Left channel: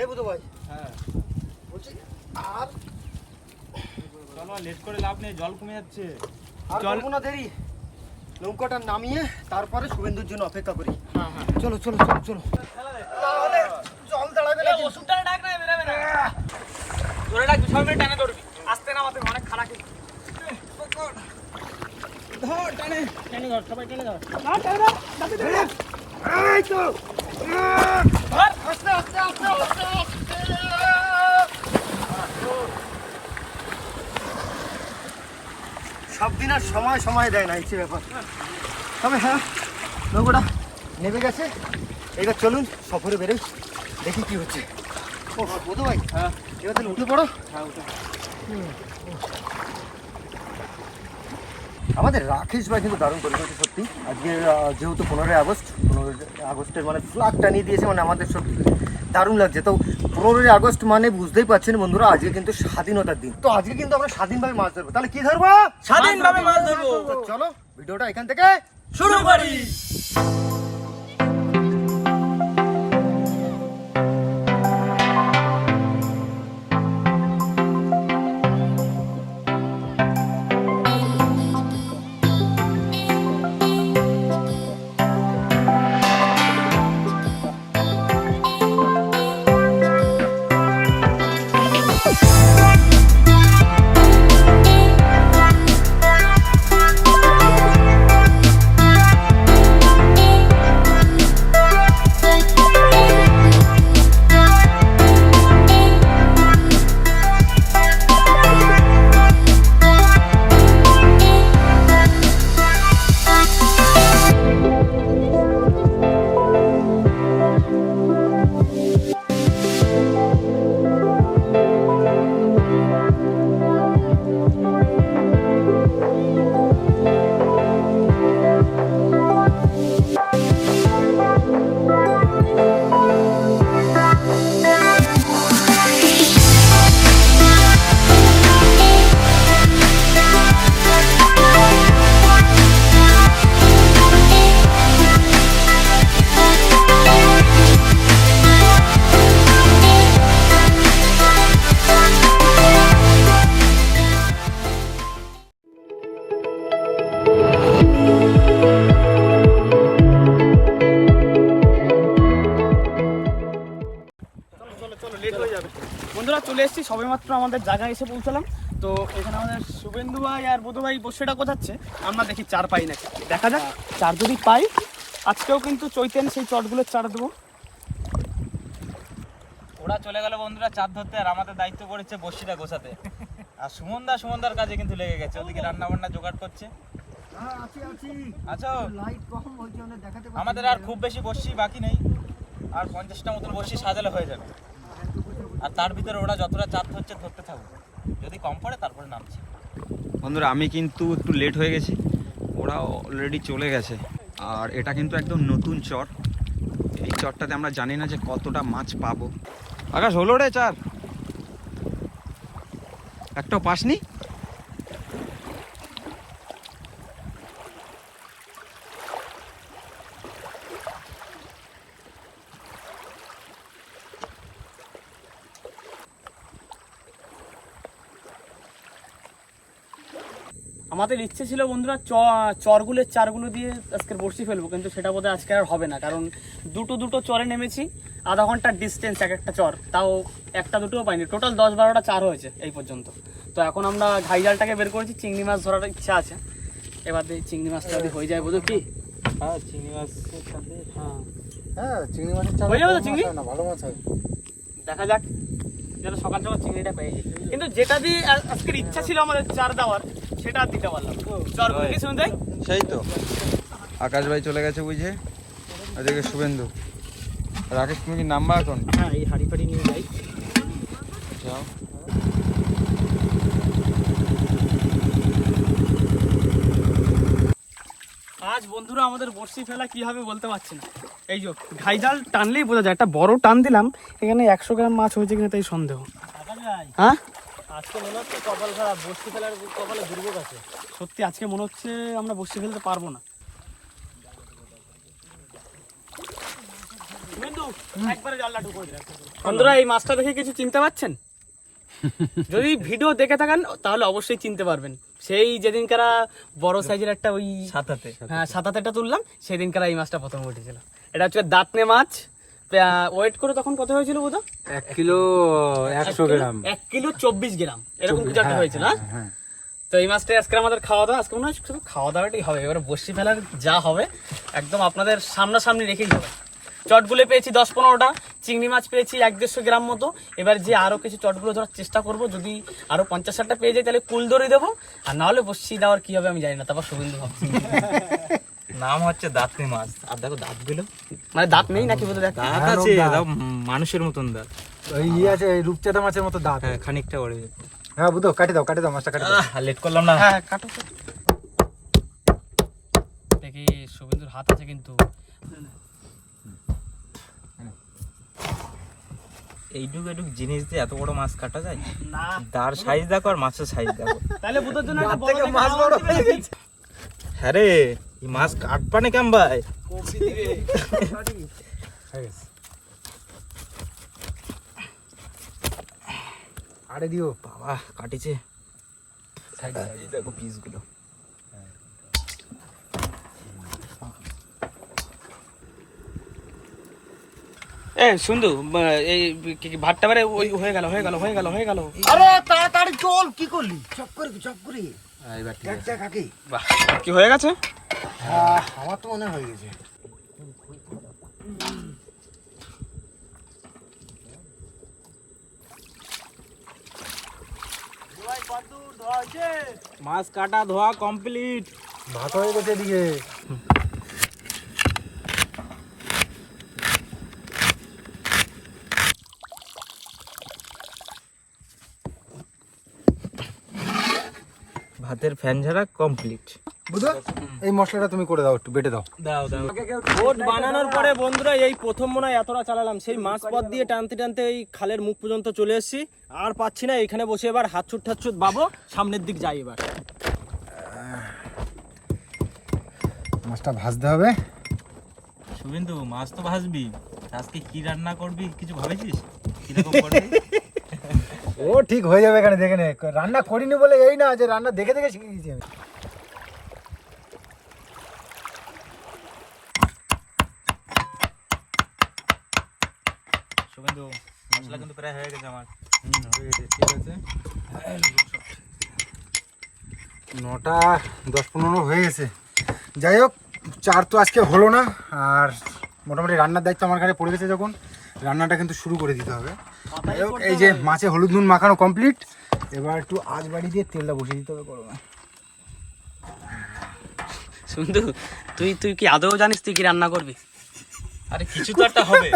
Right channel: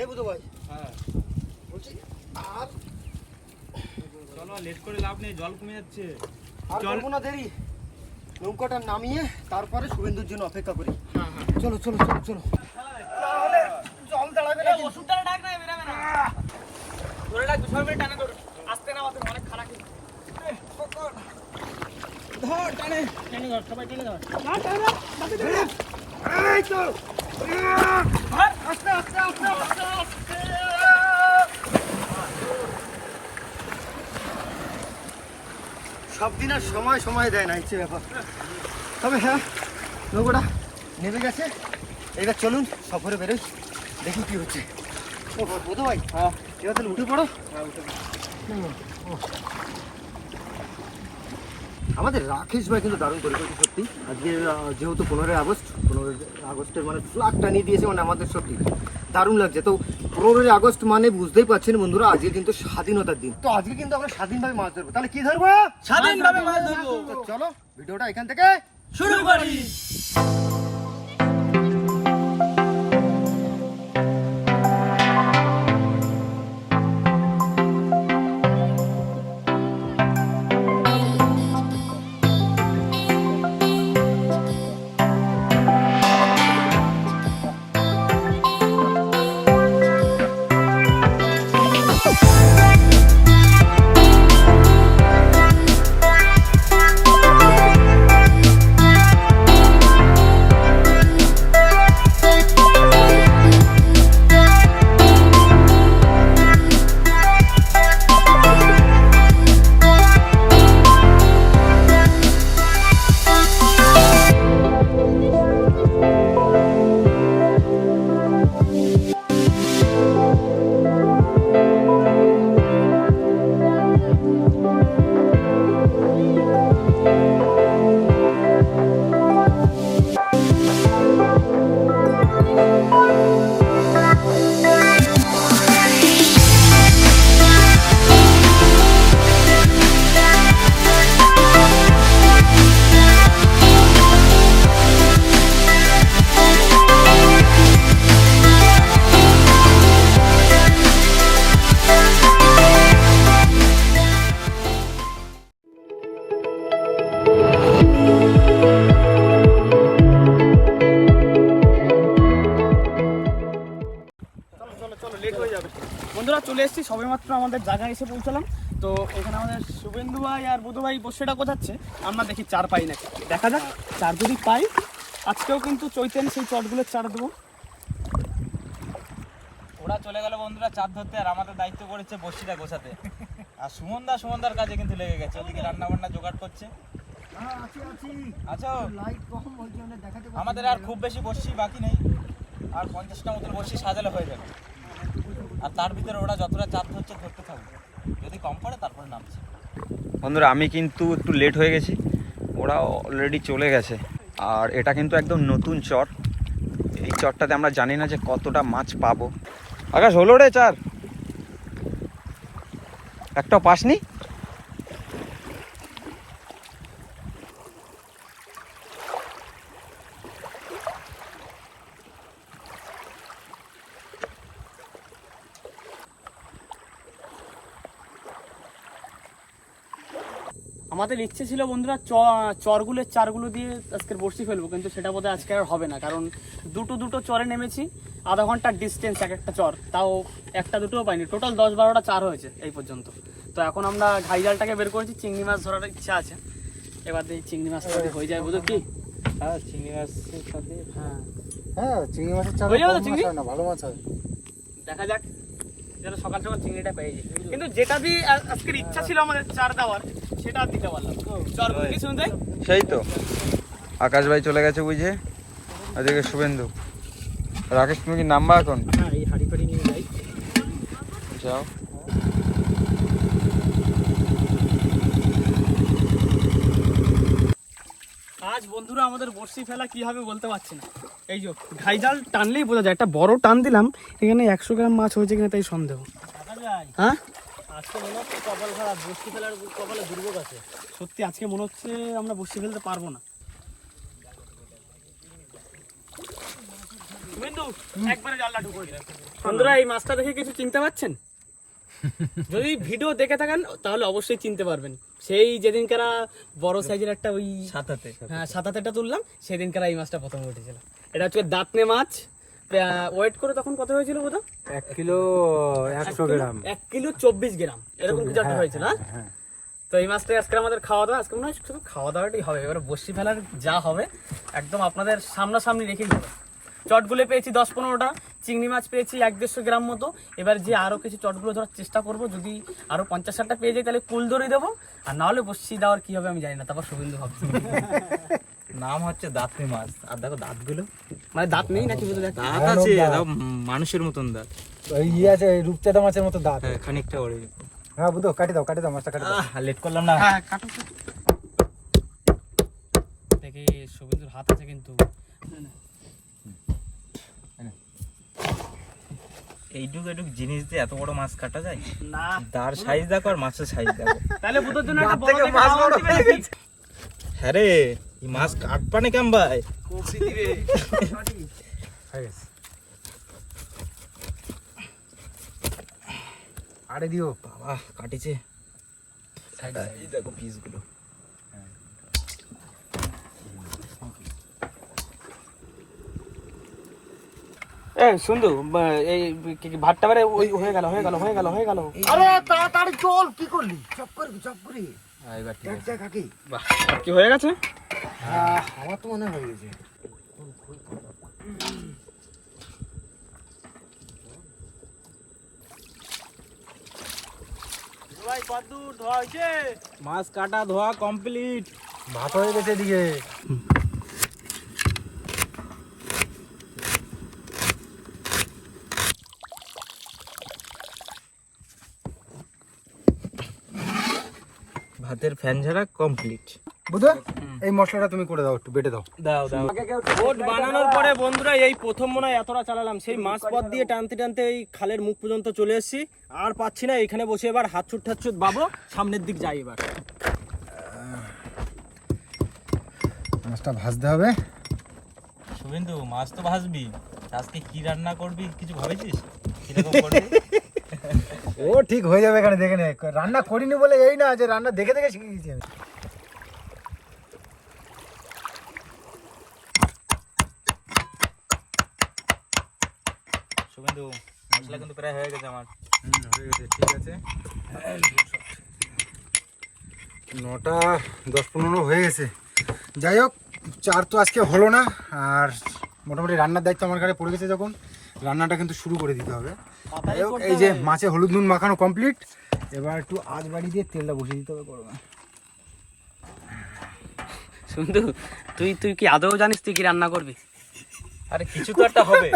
এই বুধু ভাই, হ্যাঁ বলছি আর চলো, লেট করে লাভ নেই, জল কমে যাচ্ছে। আর করবো না দেরি, নৌকাটা নামিয়ে তারপরে শুভেন্দুর জন্য অপেক্ষা করি। চলো চলো চলো চলো, জল দাঁড়াবে না। ওষুধটা ডাক না, বেরাবে না, ধরে ডাক, সবাই মিলে টানে ধরবি, আস্তে নামাতে অনেক খারাপ। ধর টানে টানে ধর, সবাই টেনে ধর, না টানে ধর, এই তো ধর, আস্তে আস্তে আস্তে আস্তে। সব দিন আর সময় সময় দেয় না, হচ্ছে ব্যাপার। তবে হ্যাঁ, নৌকাটা নেমে গেছে, এবার চলুন সফরে বেরোই, দেখি কি হচ্ছে। ও বুধু ভাই, হ্যাঁ এবার তাহলে উঠে পড়ো। হ্যাঁ উঠে। আমাদের রাকেশ ভাই কিন্তু দারুণ করে করেছে সত্যি। আজকে যেহেতু 15ই আগস্টের মানে ফ্ল্যাগ টানিয়ে দিয়েছে, মানে আমাদের সত্যি দারুণ লাগছে। তো 15ই আগস্ট মানে বুঝতেই পারছেন বন্ধুরা, আজকে কিন্তু স্বাধীনতার দিন। তো আজকে কিন্তু আমরা স্বাধীনভাবে মাছ ধরবো। তাহলে কি ধরবো? স্বাধীনভাবে মাছ ধরবো। তো চলো ভিডিওটা এখান থেকে শুরু করি। বন্ধুরা চলে এসেছি, সবেমাত্র আমাদের জায়গায় এসে পৌঁছলাম। তো এখানে আমাদের শুভেন্দু ভাই আর বুধু ভাই বসেটা কোথাচ্ছে, আমরা দেখি চার পাই নাকি, দেখা যাক। চার যদি পাই, আজকেও কিন্তু চৈতেন সেই চটগুলোর চার দেবো। ওরা চলে গেল বন্ধুরা চার ধরতে, আর আমাদের দায়িত্ব করেছে বসিটা গোছাতে। আর সুমনদার কাজে কিন্তু লেগে গেছে, ওদিকে রান্না বান্না জোগাড় করছে। আচ্ছা, আমাদের আর খুব বেশি বসি বাকি নেই, আর 50টা মতন বসি সাজালে হয়ে যাবে। আর তার ভিতরে ওরা যতটা চাপ হচ্ছে ধরতে থাকবে, যদি কম পড়ে তারপরে নামছে। বন্ধুরা আমি কিন্তু একটু লেট হয়ে গেছি, ওরা অলরেডি চলে গেছে। আর এটা কিন্তু একদম নতুন চর, এই চরটাতে আমরা জানি না যে কতটা মাছ পাবো। আকাশ হলো রে চার, একটাও পাসনি? আমাদের ইচ্ছে ছিল বন্ধুরা চরগুলোর চারগুলো দিয়ে আজকের বড়শি ফেলবো, কিন্তু সেটা বোধহয় আজকে আর হবে না, কারণ দুটো চরে নেমেছি, আধা ঘন্টার ডিস্টেন্স এক একটা চর, তাও একটা দুটোও পাইনি। টোটাল 10-12টা চার হয়েছে এই পর্যন্ত। তো এখন আমরা ঘাই জালটাকে বের করেছি, চিংড়ি মাছ ধরার ইচ্ছা আছে। এবার দিয়ে চিংড়ি মাছটা হয়ে যায় বোধ কি? হ্যাঁ চিংড়ি মাছের সাথে, হ্যাঁ চিংড়ি মাছের চার হয়ে যাবে তো চিংড়ি, ভালো মাছ হয়। দেখা যাক, যেন সকাল সকাল চিংড়িটা পেয়ে যায়। কিন্তু যেটা দিয়ে আজকের ইচ্ছা ছিল আমাদের চার দেওয়ার, সেটা আর দিতে পারলাম। চরগুলো কি শুনতে সেই তো আকাশ ভাই চলে গেছে বুঝে, এদিকে শুভেন্দু। রাকেশ তুমি কি নামবা এখন? হ্যাঁ, এই হাড়ি ফাড়ি নিয়ে যাই, যাও। আজ বন্ধুরা আমাদের বড়শি ফেলা কি হবে বলতে পারছি না। এই যে ঘাই জাল টানলেই বোঝা যায়, একটা বড় টান দিলাম, এখানে 100 গ্রাম মাছ হয়েছে কিনা তাই সন্দেহ। হ্যাঁ আজকে মনে হচ্ছে কপাল খারাপ, বড়শি ফেলার কপালে দুর্যোগ আছে। সত্যি আজকে মনে হচ্ছে আমরা বড়শি ফেলতে পারবো না। একবারে জালটা ঢুকো। বন্ধুরা এই মাছটা দেখে কিছু চিনতে পারছেন? যদি ভিডিও দেখে থাকেন তাহলে অবশ্যই চিনতে পারবেন। সেই যেদিনকারা বড় সাইজের একটা ওই সাতাতে হ্যাঁ সাতাতেটা তুললাম, সেদিনকার এই মাছটা প্রথম উঠেছিল। এটা হচ্ছে দাঁতনে মাছ। ওয়েট করে তখন কত হয়েছিল বোধ? 1 কিলো 100 গ্রাম। 1 কিলো 24 গ্রাম এরকম কিছু একটা হয়েছিল। হ্যাঁ, তো এই মাছটা আজকে আমাদের খাওয়া দাওয়া, আজকে মনে হয় শুধু খাওয়া দাওয়াটাই হবে। এবারে বসি ফেলার যা হবে একদম আপনাদের সামনাসামনি রেখেই হবে। চটগুলো পেয়েছি 10-15টা, চিংড়ি মাছ পেয়েছি 1-150 গ্রাম মতো। এবার যে আরো কিছু চটগুলো ধরার চেষ্টা করব, যদি আরো 50-60টা পেয়ে যাই তাহলে কুল দড়ি দেবো, আর না হলে বসি দেওয়ার কি হবে আমি জানি না। তারপর শুভেন্দু ভাবছি নাম হচ্ছে দাঁতনি মাছ। আর দেখো দাঁতগুলো, মানে দাঁত নেই নাকি বলতে দেখ, দাঁত আছে দাও মানুষের মতন দাঁত। ওই আছে রূপচাঁদা মাছের মতো দাঁত। হ্যাঁ খানিকটা ওরে। হ্যাঁ বুঝো, কাটি দাও মাছটা কাটি দাও। লেট করলাম না। হ্যাঁ কাটো। দেখি শুভেন্দুর হাত আছে কিন্তু। এইটুকু জিনিস দিয়ে এত বড় মাছ কাটা যায় না, তার সাইজ দেখো আর মাছের সাইজ দেখো। তাহলে বুধের জন্য একটা বড় দেখে মাছ বড় দিবে নাকি? হ্যাঁ রে, এই মাছ কাটপানে কেম ভাই? কপি দিবে। আরে দিও। বাবা কাটিছে। এই দেখো পিসগুলো। এ সুন্দু, এই ভাতটা বারে ওই হয়ে গেল। আরে তাড়াতাড়ি চল, কি করলি? চপ করে এইবার ঠিক আছে। দেখ কাকি, বাহ, কি হয়ে গেছে? আমার তো মনে হয়ে গেছে। মাছ কাটা ধোয়া কমপ্লিট। ভাত হয়ে গেছে দিকে। ভাতের ফ্যান ঝাড়া কমপ্লিট। বুঝো, এই মশলাটা তুমি করে দাও, একটু বেটে দাও। ওট বানানোর পরে বন্ধুরা এই প্রথম মনে হয় এতটা চালালাম। সেই মাছ পথ দিয়ে টানতে টানতে এই খালের মুখ পর্যন্ত চলে এসেছি, আর পাচ্ছি না। এখানে বসে এবার হাতছুট বাবো, সামনের দিক যাই এবার। মাছটা ভাজতে হবে। শুভেন্দু মাছ তো ভাজবি, আজকে কি রান্না করবি কিছু ভেবেছিস? কিরকম করবি? ও ঠিক হয়ে যাবে, এখানে দেখে নে। রান্না করিনি বলে এই না যে রান্না দেখে দেখে শিখে গেছি আমি। শুভেন্দু মশলা কিন্তু প্রায় হয়ে গেছে আমার। হয়ে গেছে, ঠিক আছে। 9টা 10-15 হয়ে গেছে। যাই হোক, চার তো আজকে হলো না, আর মোটামুটি রান্নার দায়িত্ব আমার ঘাড়ে পড়ে গেছে। যখন রান্নাটা কিন্তু শুরু করে দিতে হবে। যাই হোক, এই যে মাছে হলুদ নুন মাখানো কমপ্লিট। এবার একটু আঁচ বাড়ি দিয়ে তেলটা বসিয়ে দিতে হবে গরমে। সুন্দু, তুই কি আদৌ জানিস তুই কি রান্না করবি? আরে কিছু তো একটা হবে।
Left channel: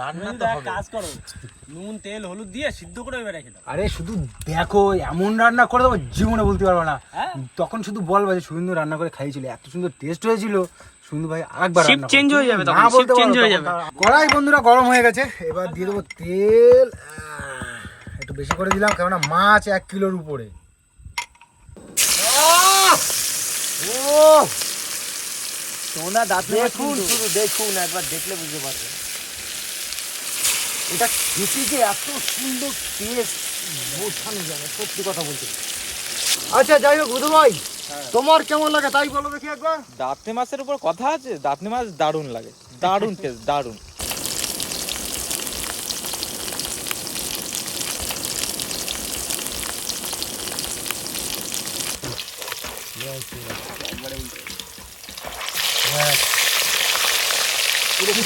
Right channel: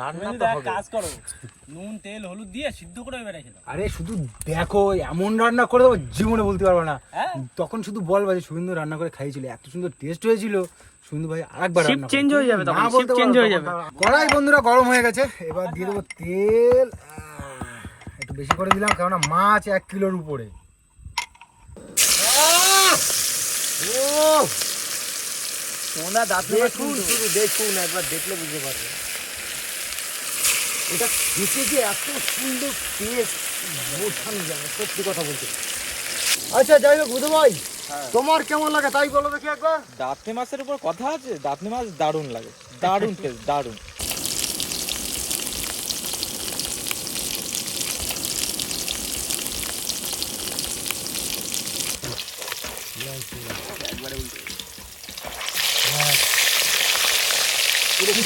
রান্না তো হবে। কাজ করো, নুন তেল হলুদ দিয়ে সিদ্ধ করে এবার রেখে দাও। আরে শুধু দেখো, এমন রান্না করে দেবো জীবনে বলতে পারবো না। তখন শুধু বলবা যে সুন্দর রান্না করে খাইছিল, এত সুন্দর টেস্ট হয়েছিল। সুন্দর ভাই আরেকবার শিফট চেঞ্জ হয়ে যাবে তখন, শিফট চেঞ্জ হয়ে যাবে। কড়াই বন্ধুরা গরম হয়ে গেছে, এবার দিয়ে দেবো তেল। একটু বেশি করে দিলাম, কেননা মাছ 1 কিলোর উপরে। দেখুন একবার দেখলে বুঝতে পারবেন এটা খেতে যে এত সুন্দর টেস্ট বোঝানো যাবে, সত্যি কথা বলতে। আচ্ছা যাই হোক বুধু ভাই, তোমার কেমন লাগে তাই বলো দেখি একবার। দাঁতনি মাছের উপর কথা আছে, দাঁতনি মাছ দারুণ লাগে, দারুণ টেস্ট, দারুণ।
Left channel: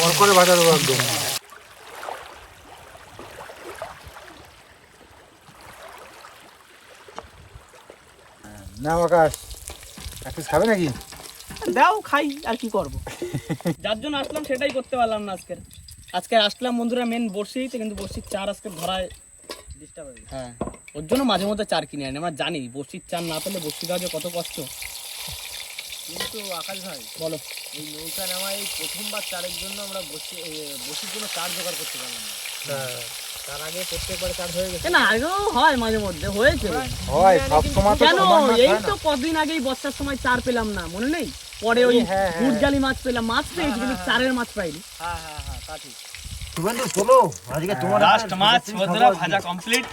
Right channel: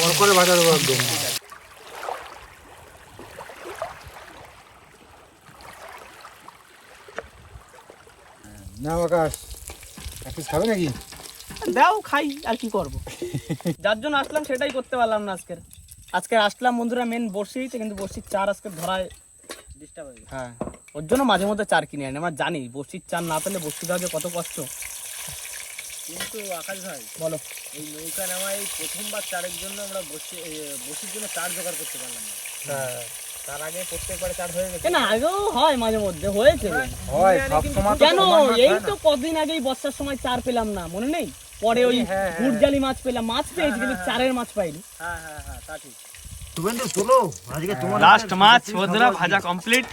পুরো করে ভাজা দেবো একদম। না আকাশ, এক পিস খাবে নাকি? দাও খাই, আর কি করব। যার জন্য আসলাম সেটাই করতে পারলাম না আজকে আসলাম বন্ধুরা মেন বড়শিতে, কিন্তু বড়শির চার আজকে ধরায় ডিস্টার্ব হয়ে গেছে। হ্যাঁ, ওর জন্য মাঝে মধ্যে চার কিনে আনি। আমার জানি বড়শির চার না পেলে বড়শি দেওয়া যে কত কষ্ট। কিন্তু আকাশ ভাই বলো, এই নৌকা নেওয়া এই প্রথমবার চারের জন্য আমরা বসির জন্য চার জোগাড় করতে পারলাম না। তার আগে প্রত্যেকবার চার হয়ে গেছে। না আগেও হয় মাঝে মধ্যে হয়েছে। হয় সব সময় তো কেন সমান মাছ এই হয় না। তো কদিন আগেই বর্ষার সময় চার পেলাম না, মনে নেই? পরে ওই গুড়জালি মাছ পেলাম, মাছ পেয়েছি কিন্তু চারের মাছ পাইনি। হ্যাঁ তা ঠিক। শুভেন্দু চলো আজকে তোমার লাস্ট মাছ বন্ধুরা ভাজা কমপ্লিট।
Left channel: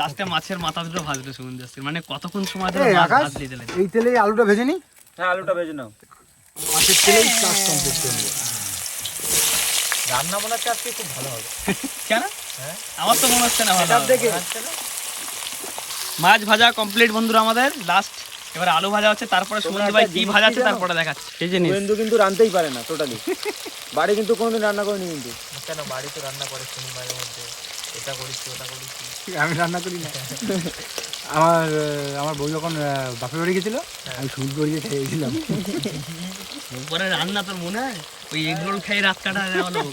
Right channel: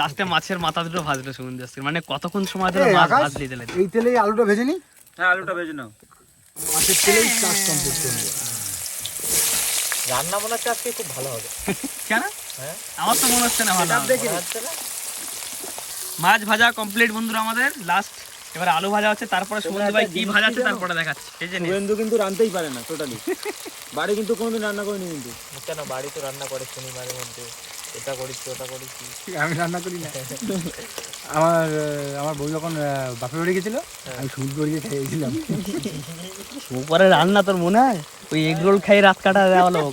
লাস্টে মাছের মাথা দুটো ভাজলো সুমন দাস, মানে কতক্ষণ সময় ধরে মাছ ভাজলি দিলেন। এই তেলেই আলুটা ভেজে নি, হ্যাঁ আলুটা ভেজে নাও। মাছের তেলেই কাজ কমপ্লিট করবো। রান্না বান্নার আজকে খুব ভালো হবে। কেন আমার তো মনে হচ্ছে না ভালো হবে। মাছ ভাজা কমপ্লিট বন্ধুরা আমাদের লাস্ট। এবার আলু ভাজা হচ্ছে, তারপরে সুমন্ত ভাই কি ভাজা আছে তারপরে দেখাচ্ছি। সেই জন্য শুভেন্দু কিন্তু রাঁধতেই পারে না টোটালি, বাড়ি কিন্তু কোনোদিন রান্না করেনি কিন্তু। কেন বাড়িতে রান্না করে শুনি মাঝে মধ্যে, এটা করেছি ওটা করেছি। আমি রান্না করি না। আমার বউ যখন বাপের বাড়ি গেছিল, আমি শুট করিয়ে খেয়েছিলাম। উপরে রান্না তোর মনে হয় ওই এগ রোল খাই রাত কাটা যাওয়া লোক।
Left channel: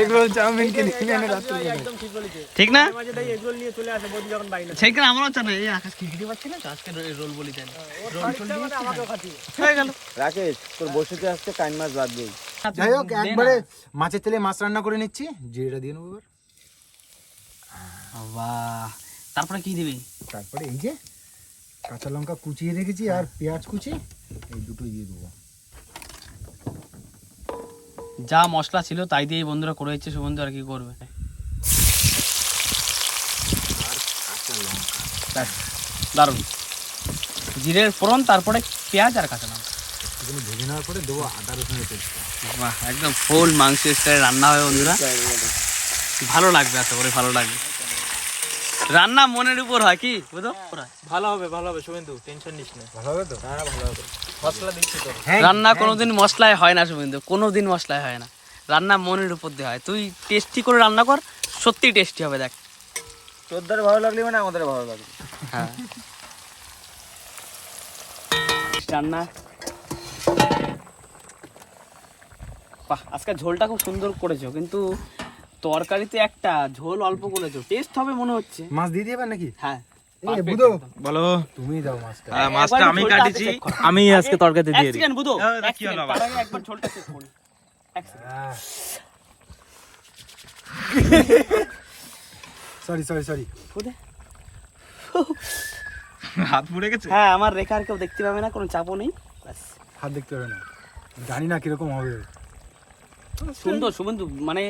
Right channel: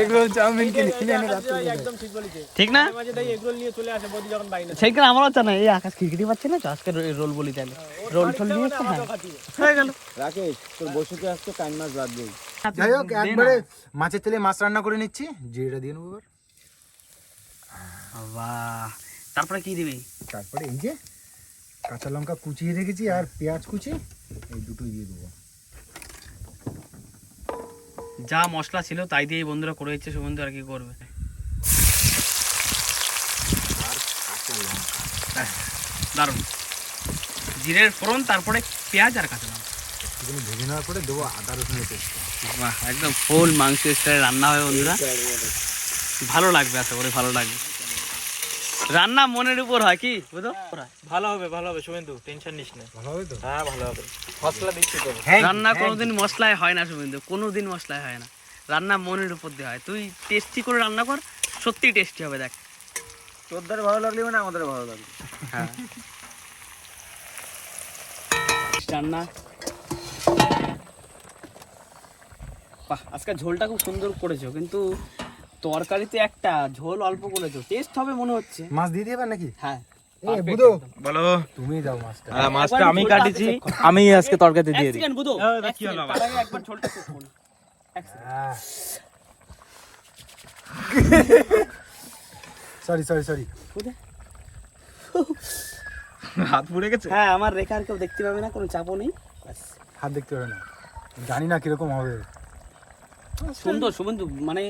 এগুলো চাউমিন কিনে এনে রাত্রে একদম ঠিক বলেছে। ঠিক না? মাঝে তাই এগরোল নিয়ে চলে আসে বৌদি যখন বাইরে। সেইখানে আমারও জানা এই আকাশ খিচড়ি পাচ্ছে না তো, আজকে রোল বলি তাহলে রোল ঠোল দিয়ে হয়ে গেল। রাকেশ তোর বসুতে আসতে কান মাছ বাদ দেই। যাই হোক, একবারে মাছের তেলে মাছ রান্না করে নিচ্ছি, জিরেটা দিয়ে নেবো এবার। বাহ, তারপরে কি দিবি? তারপরে এই যে কাঁচা লঙ্কা কুচিয়ে রেখেছি আর পেঁয়াজ কুচি, এই দুটোই দিয়ে দেবো। যা মশলা ছিল তাই দিয়ে বন্ধুরা করে দিচ্ছে সুবন্ধু, আর কি করবে। দারুণ জিরের ফোড়ন, তারপরে পেঁয়াজ আর কাঁচা লঙ্কা এগুলো ভেজে নেওয়ার পরে দেবো আদা রসুনের পেস্ট। বাহ, একদম ফুল মাংস স্টাইলে রান্না হয় বন্ধুরা। ভালো লাগবে, আশা করি ভালো লাগবে। রান্না মনের উপর হয়, কি বুঝো? ভালো হবে শুভেন্দু, টেনশন নিস না। ভালো হবে তো? হ্যাঁ ভালো হবে, মশলা দিচ্ছি তো। রান্না কোনোদিন মশলায় হয় না সুবিন্দু, কোনোদিন মশলায় হয় না। রান্না মনের উপর দিয়ে হয়। তুই টেস্টি করে রান্না কর, সত্যি টেস্টি হবে। দেখ তোর দ্বারা ভালো লাগলে মানে আমাদের ভালো লাগবে। হ্যাঁ রান্না বাহ, আজকে ঝোলটা খুব সুন্দর করেছো, কিন্তু তরকারিতে একটা ঝোল অল্প করেছো। টেস্ট হবে মনে হচ্ছে। মাছ দিয়ে দিবে নাকি? হ্যাঁ এই বুধো, বলো। তুমি দাও মাছটা। মাছটা আমি কাটিছি, আমি আজকে তরকারিতে দিয়ে দিই। বুধো কি হলো আবার? তার আগে একবার ঝোলটা চেক করুন। সরি হাত পুড়ে গেছে। হ্যাঁ, আমার রেখা আর কেউ দেখতে পাবে না, কোনো চাপও নেই। হাত দেখতে হবে না, জানি না কিরকম হবে। সুন্দর সুবন্ধু, মানে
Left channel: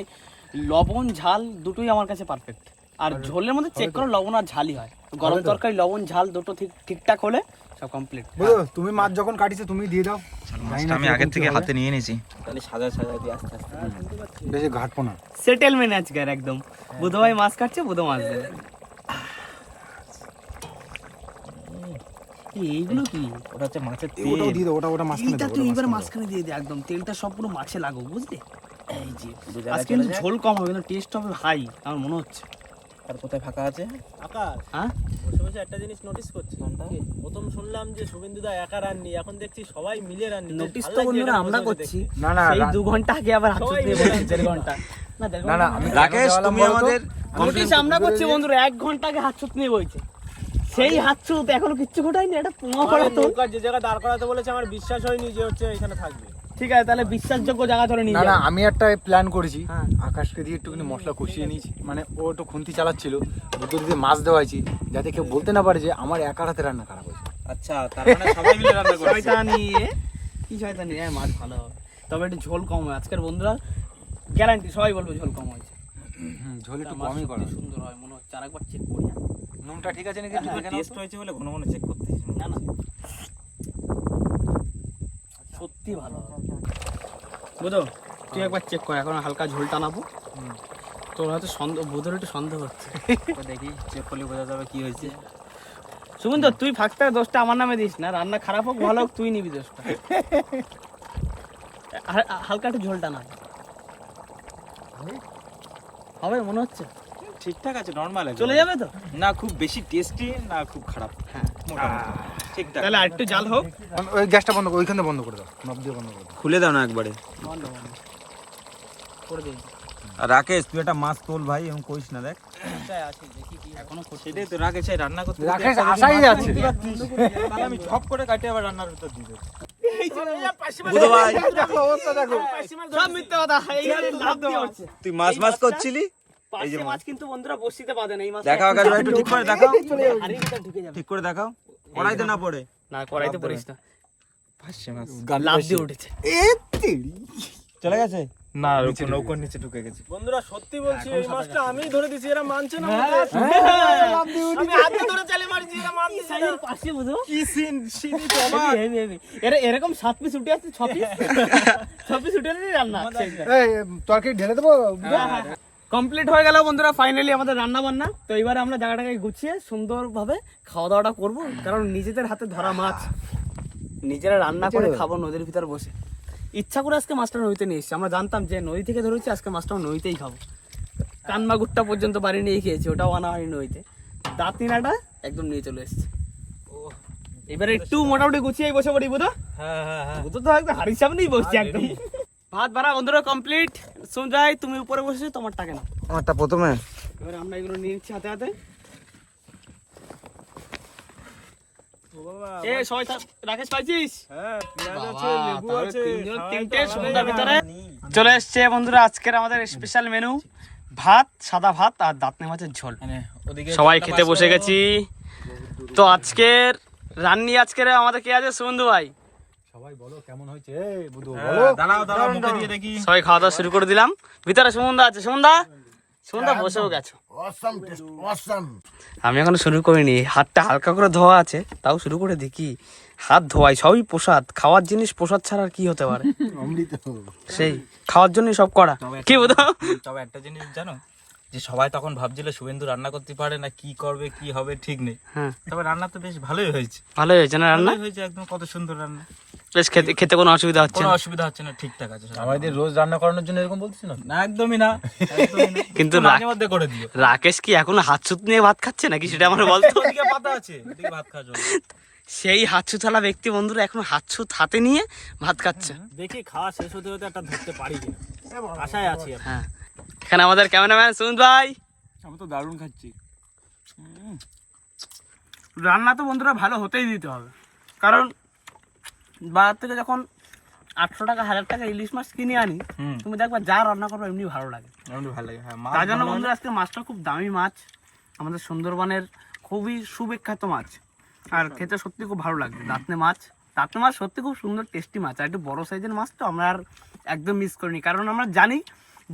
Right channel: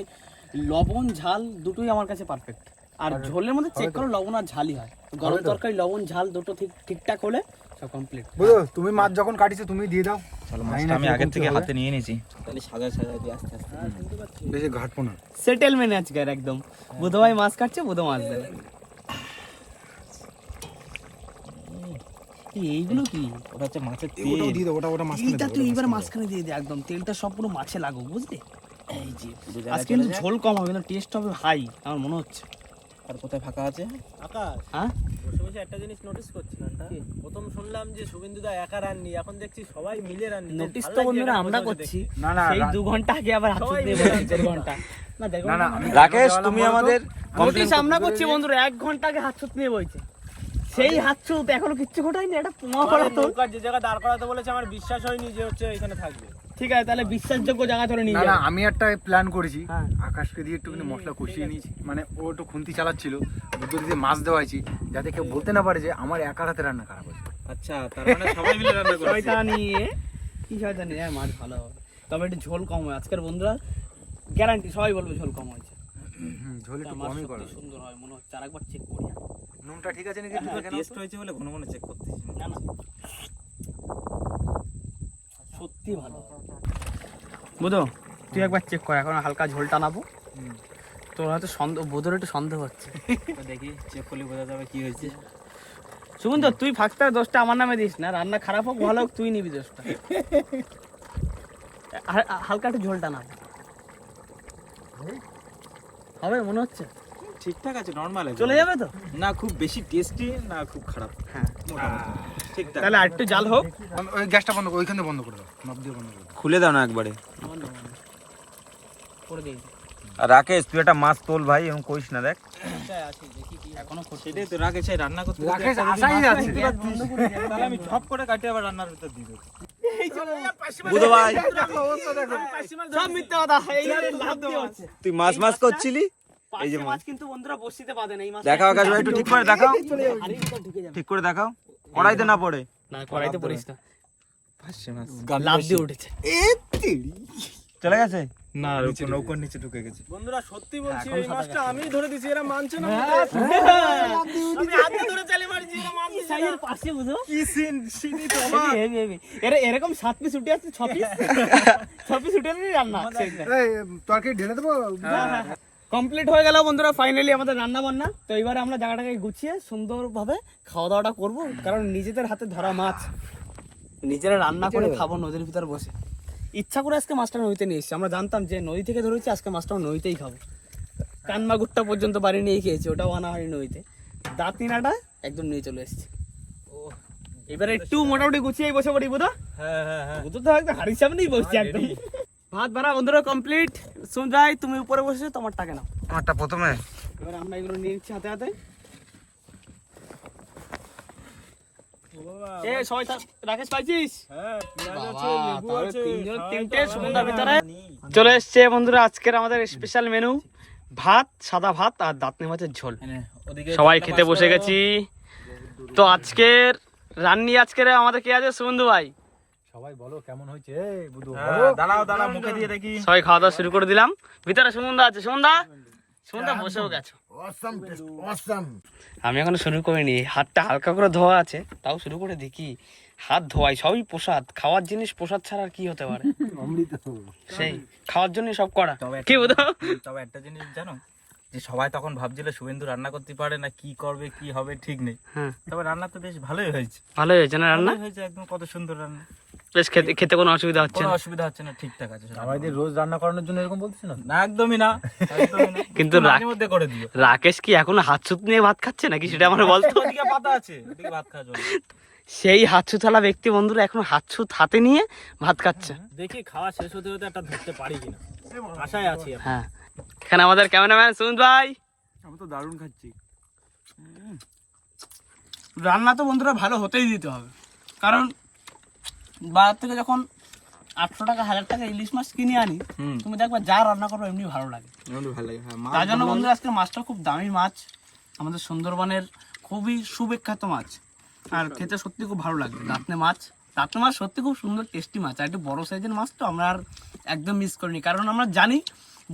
লবণ ঝাল দুটোই আমার কাছে পারফেক্ট। আর ঝোলের মধ্যে চেক করো লবণ আর ঝালই হয়। গরম তরকারি লবণ ঝাল দুটো ঠিকঠাক হলে সব কমপ্লিট। বুঝো, তুমি মাছ যখন কাটিছো তুমি দিয়ে দাও। মাছটা আমি আগের থেকে হাতে নিয়ে নিয়েছি। তাহলে সাজা দিয়ে আস্তে আস্তে বেশি ঘাটবো না। সেটেলমেন্ট আজকে আর একদম। বুধো ভাই মাছ কাটছে, বুধো মাছ দেবে। এইগুলো কি? ওটা হচ্ছে মাছের ওটাও দিয়ে দাও, ওটা মাছখানে এইটা দাও, তুই ওটা এবার মাঝখানে মাঝখানে দিয়ে দে, একদম তেলটা সব পুরো মাছে লাগুক, বুঝলি? এই যে পুরো আজকে জায়গায় কিন্তু চলে যায়। ঝোল কম হবে, কিন্তু টেস্ট হবে হাই আমার মনে হচ্ছে। আর কোথায় ফাঁকা আছে? আকাশ, হ্যাঁ বসে বসে একটা জিনিস নোটিস করছি। প্রথম শুনলাম যে শুভেন্দুদা একা রান্নি, এখন দেখছি সবাই মিলে রান্নি। নোটিস তো বন্ধুরা আমরা করছি। না না সেই 2 ঘন্টা আগে আবার হাত দিয়ে বলছি 1.5 ঘন্টা না 1.5 ঘন্টা না। রাকেশ, তুমি আমাদের নোটিস আমরা করছি বন্ধুরা, 1 ঘন্টা আগে হাত ছুট নিয়ে বইছে। সেই হাত ছুট এখনো কিচ্ছু ঘটায়নি, এটা পোঙা করা তো। নৌকার যে জায়গায় দাঁড় করাতে বলেছে আমার বিশ্বাস হয়নি যে হচ্ছে এখানে থাকবে। ঠিক আছে, তাহলে বিশ্বাসযোগ্য জায়গা ধরে নিয়ে না, যাবো। আমি একটা প্ল্যান করেছি। হ্যাঁ। আকাশকে দিয়ে একটুখানি মশলা কষিয়ে নিয়েছি, মানে ও একটু খুন্তি চালাচ্ছিল, দুটো দিয়ে মাছ দেওয়াইছি, যাতে কেউ বলতে না পারে যে আমার একার হাতে রান্না খারাপ হয়েছে। আচ্ছা, তার মানে সবাই মিলে রান্না করছে। শয়তানি কি শয়তানি, হ্যাঁ মাছ ভালো হবে, তবে একটু ঝোল কম হয় আজকের বন্ধুরা। গ্যারান্টি সবাই বলবে ঝোল কম হয়েছে। ঝোল একটু মাছ কমই করো। সত্যি সুন্দর হয় মনে হচ্ছে। আরেকবার চেক করি। নুনটা ঠিক আছে নাকি? টেস্ট হয়েছে বলে ঘন ঘন চেক করতেছি। না না সত্যি ভালো বুঝো, তুই একবার চেক কর। এখন হালকা ঝোল টানাবো। তোর হয়তো সন্দেহ, বোধের একটু সন্দেহ হচ্ছে। তো দেখি চেক করলে বোঝা যাবে কি হয়েছে। সুমন্ত, তুই ফার্স্টে দোষটা আমার নামে দিস না। রান্না খারাপ হোক ভালো হোক, তুই নিবি দোষটা। হালকা একটু ঝোল টানা হবে মনে হচ্ছে। ঠিকঠাক আছে, নরমাল আছে। চলে যাবে তো? না খুব বেশি টেস্টি না খুব খারাপ, হ্যাঁ মোটামুটি ঠিকঠাক। তাহলে আরেকটু জাল হোক। ওই গ্যাসটা বন্ধ করো, ওইখানে বন্ধ করে দাও, নব দিয়ে বন্ধ করে দাও। খুলে দাও না একবারে। করে দিই। আর রাকেশ, তুই একটা মাছ তোল ভাই, এরকম করিস না। দেখ এখনো সেটাই তো রাকেশ, এই রান্না করতে রাকেশ একটা যদি আশাই মাছ আছে। তুলতে পারতিস, তাহলে আমি ঝপ করে কাটে আবার রান্নার ভিতর দিয়ে দেবো। বুধো ভাই, সব মিথ্যে কথা। এই লাভ দিয়ে হচ্ছে। তুই মাছ মাছ করছিলি, এই যে মাছ কিন্তু বন্ধুরা বসিতে পাবে না। এই মাছ দেখাও আকাশ ভাই, একটু ঠিক করে দেখাও, হাড়ির ভিতর ঢুকে যাবে। ঠিক করে দেখাও, কড়াইতে না পড়ে। না কড়াইতে পড়িস না। ভাসছে মাছ। লাভ দিয়ে উঠেছে। চলে গেছে, না নৌকোর নিচে ঢুকে গেছে। বন্ধুরা সত্যি বলছি এই মাছটা আমিই ধরে দিছি, এরা মানছে না। আমি হাতে ধরে চালে মারছি, এরা মানছে সাইজের পাশে বুঝো কি সিন তো এরকম 7 পিস উঠে আসছে, 6 পিস 6 পিস উঠে আসছে রান্না তরকারি ঢেলে দেবো। কমপ্লিট হয়ে গেল বন্ধুরা, ফাইনালি আমাদের রান্না বান্না। তো এবারে আমরা জায়গাটাকে গুছিয়ে সুন্দরভাবে খাওয়া দাওয়াটা করবো, কারণ নিজেদের হাতে ধরা মাছ নিজেরা রান্না করে খাবো নদীর ভিতর বসে। ইচ্ছা করে আজকে মাছটা নদীতে নিয়ে এসেছি, আমরা জানতাম যে নদী থেকে ধরেছি, আজকে মাছটাও নদীতেই খাবো। কানমাগুরটা পর্যন্ত বাড়ি নিয়ে খেয়েছি, ওটাও আনা হয়নি নদীতে। দাঁতিনাটা একদম নিয়ে চলে এসেছি। এবারে একটু মোটামুটি গুছিয়ে বসে পড়ি বুধ। বুধ তো একদম হাড়ির সামনেই বসছি একদম। ভাত ভাড়া বন্ধুরা কমপ্লিট। সুঞ্জয় তুমি উপরে বসেছো, তোমারটাকে নাও। আমারটা প্রথমে। এবার আমরা এগুলো নিয়ে নিচ্ছি হাতে হাতে। এ সবাই রাকেশ পাইছিস? তিনটে সুন্দর ভিতরে চলে এসছে বন্ধুরা আজকের আমাদের স্পেশাল মেনু, ভাত, সাদা ভাত আর দাঁতনে মাছের ঝোল। সবাই খেতে বসে গেছি। তো আজকের রান্নি আজকের আমাদের কে আছে? সুবন্ধু ভাই। সবাই বলো কেমন হয়েছে বুধু? দাঁড়াও মুখে দিয়ে দেখি। সবাই খাওয়া দাওয়া শুরু করে দিলাম। ভিতরে সুমন্দা আছে, সুমন্দা বসেও গেছো। আমি এখনো শুরু করিনি, হাতটা হালকা করে ধোয়া আছে, তাও শুরু করে দেখি। হাত ধোয়াই, সবই প্রসাদ, খাওয়ার জিনিস প্রসাদ ছাড়া আর কি হতে পারে? সেই খাওয়ার জন্য সব করা। কি বলতো? তবে একটা জিনিস জানো, যে সবাই তখন ভাবছিল শুভেন্দু রান্না করতে পারে না, কি করবে কি হবে ঠিক নেই। হ্যাঁ, তবে রান্না তো বেশ ভালোই হয়েছে। ভালোই হয়েছে না রান্না? ভালোই হয়েছে, একদম কত সুন্দর রান্না। বেশ খেতে কোনো অসুবিধা হচ্ছে কোনো না। অসুবিধা হচ্ছে না, ঠিকঠাক আছে। আমাদের রোজ রান্না করানোর জন্য এরকম বলছিস না? না একদমই না, একদমই না। কিন্তু মাঝে মধ্যে করে দিও। রাকেশ কি এখনো হাত সুত নিয়ে ভাত খাচ্ছে নাকি সেটা আমার বলতো। ওদিকে পাতা আছে, ওদিকে ভাত খাওয়া চলবে। সেই হাতছুথালা ব্যক্তি বন্ধুরা এখন হাতছুত হাতে নিয়ে ভাত খাচ্ছে। দেখি খাওয়া শেষ হতে হতে একটা ধরতে পারি কিনা, আশায় আছি। হ্যাঁ, এখানে আমাদের ক্যামেরাম্যান সুমন ভাই। আমি তো দারুণ খাচ্ছি। রান্না তো বন্ধুরা ভালো হতেই দিতে হবে, কারণ বাজার থেকে যখন 800 টাকা 1000 টাকা ইলিশ মাছ কিনে আনি, তুমি দেখবা যা রান্না করবে এমনি ভালো লাগে। ভালো লাগে। হ্যাঁ, তার জন্য বন্ধুরা আজকে মাছটা খুব দামি মাছ, আমাদের সুন্দরবনের খুবই সুবিখ্যাত মাছ, আর খেতে সত্যি খুব ভালো লাগে। দাঁতনে মাছ সত্যি খুব সুন্দর টেস্টি মাছ, আর একটু বড় সাইজের মাছ তো আমরা আর একদম মিস করিনি, কারণ আমরা জানি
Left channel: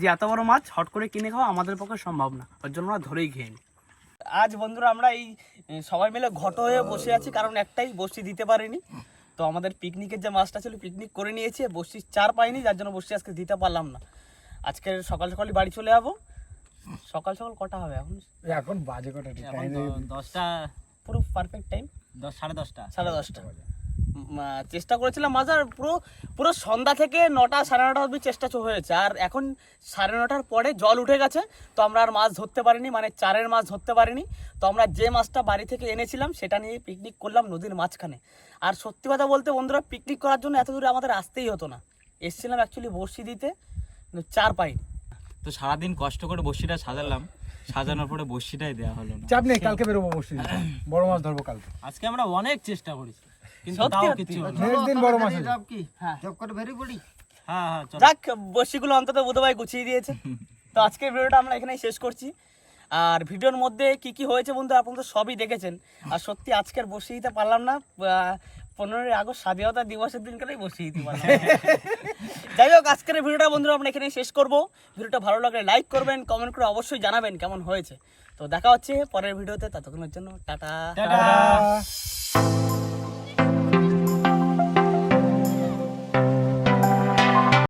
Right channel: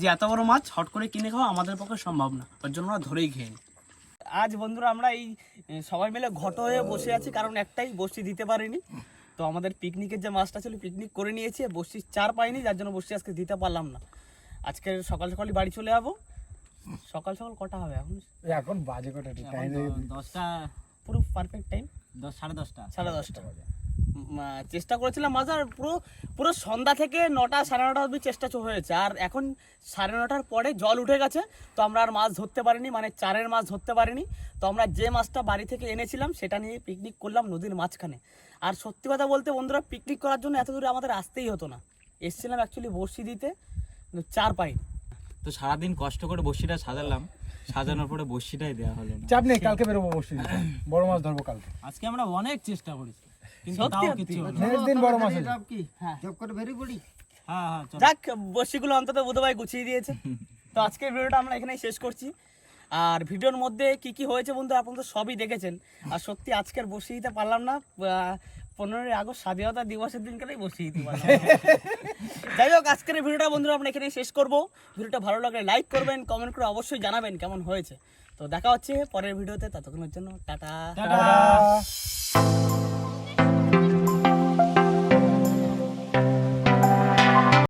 যে এত বড় মাছ হট করে কিনে খাওয়া আমাদের পক্ষে সম্ভব না, ওর জন্য আমরা ধরেই খেয়ে নিই। আজ বন্ধুরা আমরা এই সবাই মিলে ঘট হয়ে বসে আছি, কারণ একটাই বসি দিতে পারিনি। তো আমাদের পিকনিকের যে মাছটা ছিল পিকনিক করে নিয়েছি, বসি চার পাইনি, যার জন্য বসি আজকে দিতে পারলাম না। আজকে সকাল সকালই বাড়ি চলে যাবো। সকাল কটা হবে এখন? এখন বাজে কটা? 10টা, পুরো পারফেক্ট টাইম 10:30টা। 10:30। চেষ্টা করেছিলাম মাছ, আর পুরো সন্ধ্যা থেকে 9টা 9:30 অবধি চেষ্টা হয়েছে, আর এখন 9:30টার পরে জল উঠে গেছে। তো আমরা আর মাছ ধরতে পারিনি, মানে চারের মাছ ধরতে পারিনি। তো আমরা যে মাছটা বাড়ি থেকে এনেছিলাম সেটা নিয়ে পিকনিক করলাম নদীর মাঝখানে। আর সত্যি কথা বলতে বন্ধুরা, পিকনিক করার জন্য এত দূরে আমাদের আসতেই হতো না। এসেছিলাম অ্যাকচুয়ালি বড়শি দিতে, চার পাইনি। তো সারাদিন কষ্ট করে বড়শিটা সাজালাম, সাজানোর পরে বড়শিটাই দেওয়া হলো না। চাপ নেই, কালকে বেরোবো বসে, বড় মাছ ধরবো কালকে। আজকে আমরা অনেক চেষ্টা করেছি, কিন্তু সত্যি তাও কিছু হলো না। নেক্সট দিন বড় মাছ হবে। হ্যাঁ, হ্যাঁ, চলো। যাক, বড়শিগুলো অন্তত বোধহয় গুছিয়ে দিয়েছে। তো আজকের ভিডিওটা আমরা এখানেই শেষ করছি। আর ভিডিওর মধ্যে কি কি হয়েছে বন্ধু আপনারা তো সবই দেখেছেন। আর সত্যি আজকের বসিয়ে দিতে পারলাম না, 15ই আগস্ট স্বাধীনতা দিবসের দিনকারেই বসিয়ে দিতে পারলাম। যাই হোক, আজকের ভিডিওটা বন্ধুরা আমরা এখানেই শেষ করবো। ভিডিওটা ভালো লাগলে লাইক করবেন, কমেন্ট করে অবশ্যই জানাবেন কেমন হয়েছে। তো দেখা হচ্ছে পরের ভিডিওতে, ততক্ষণের জন্য টাটা।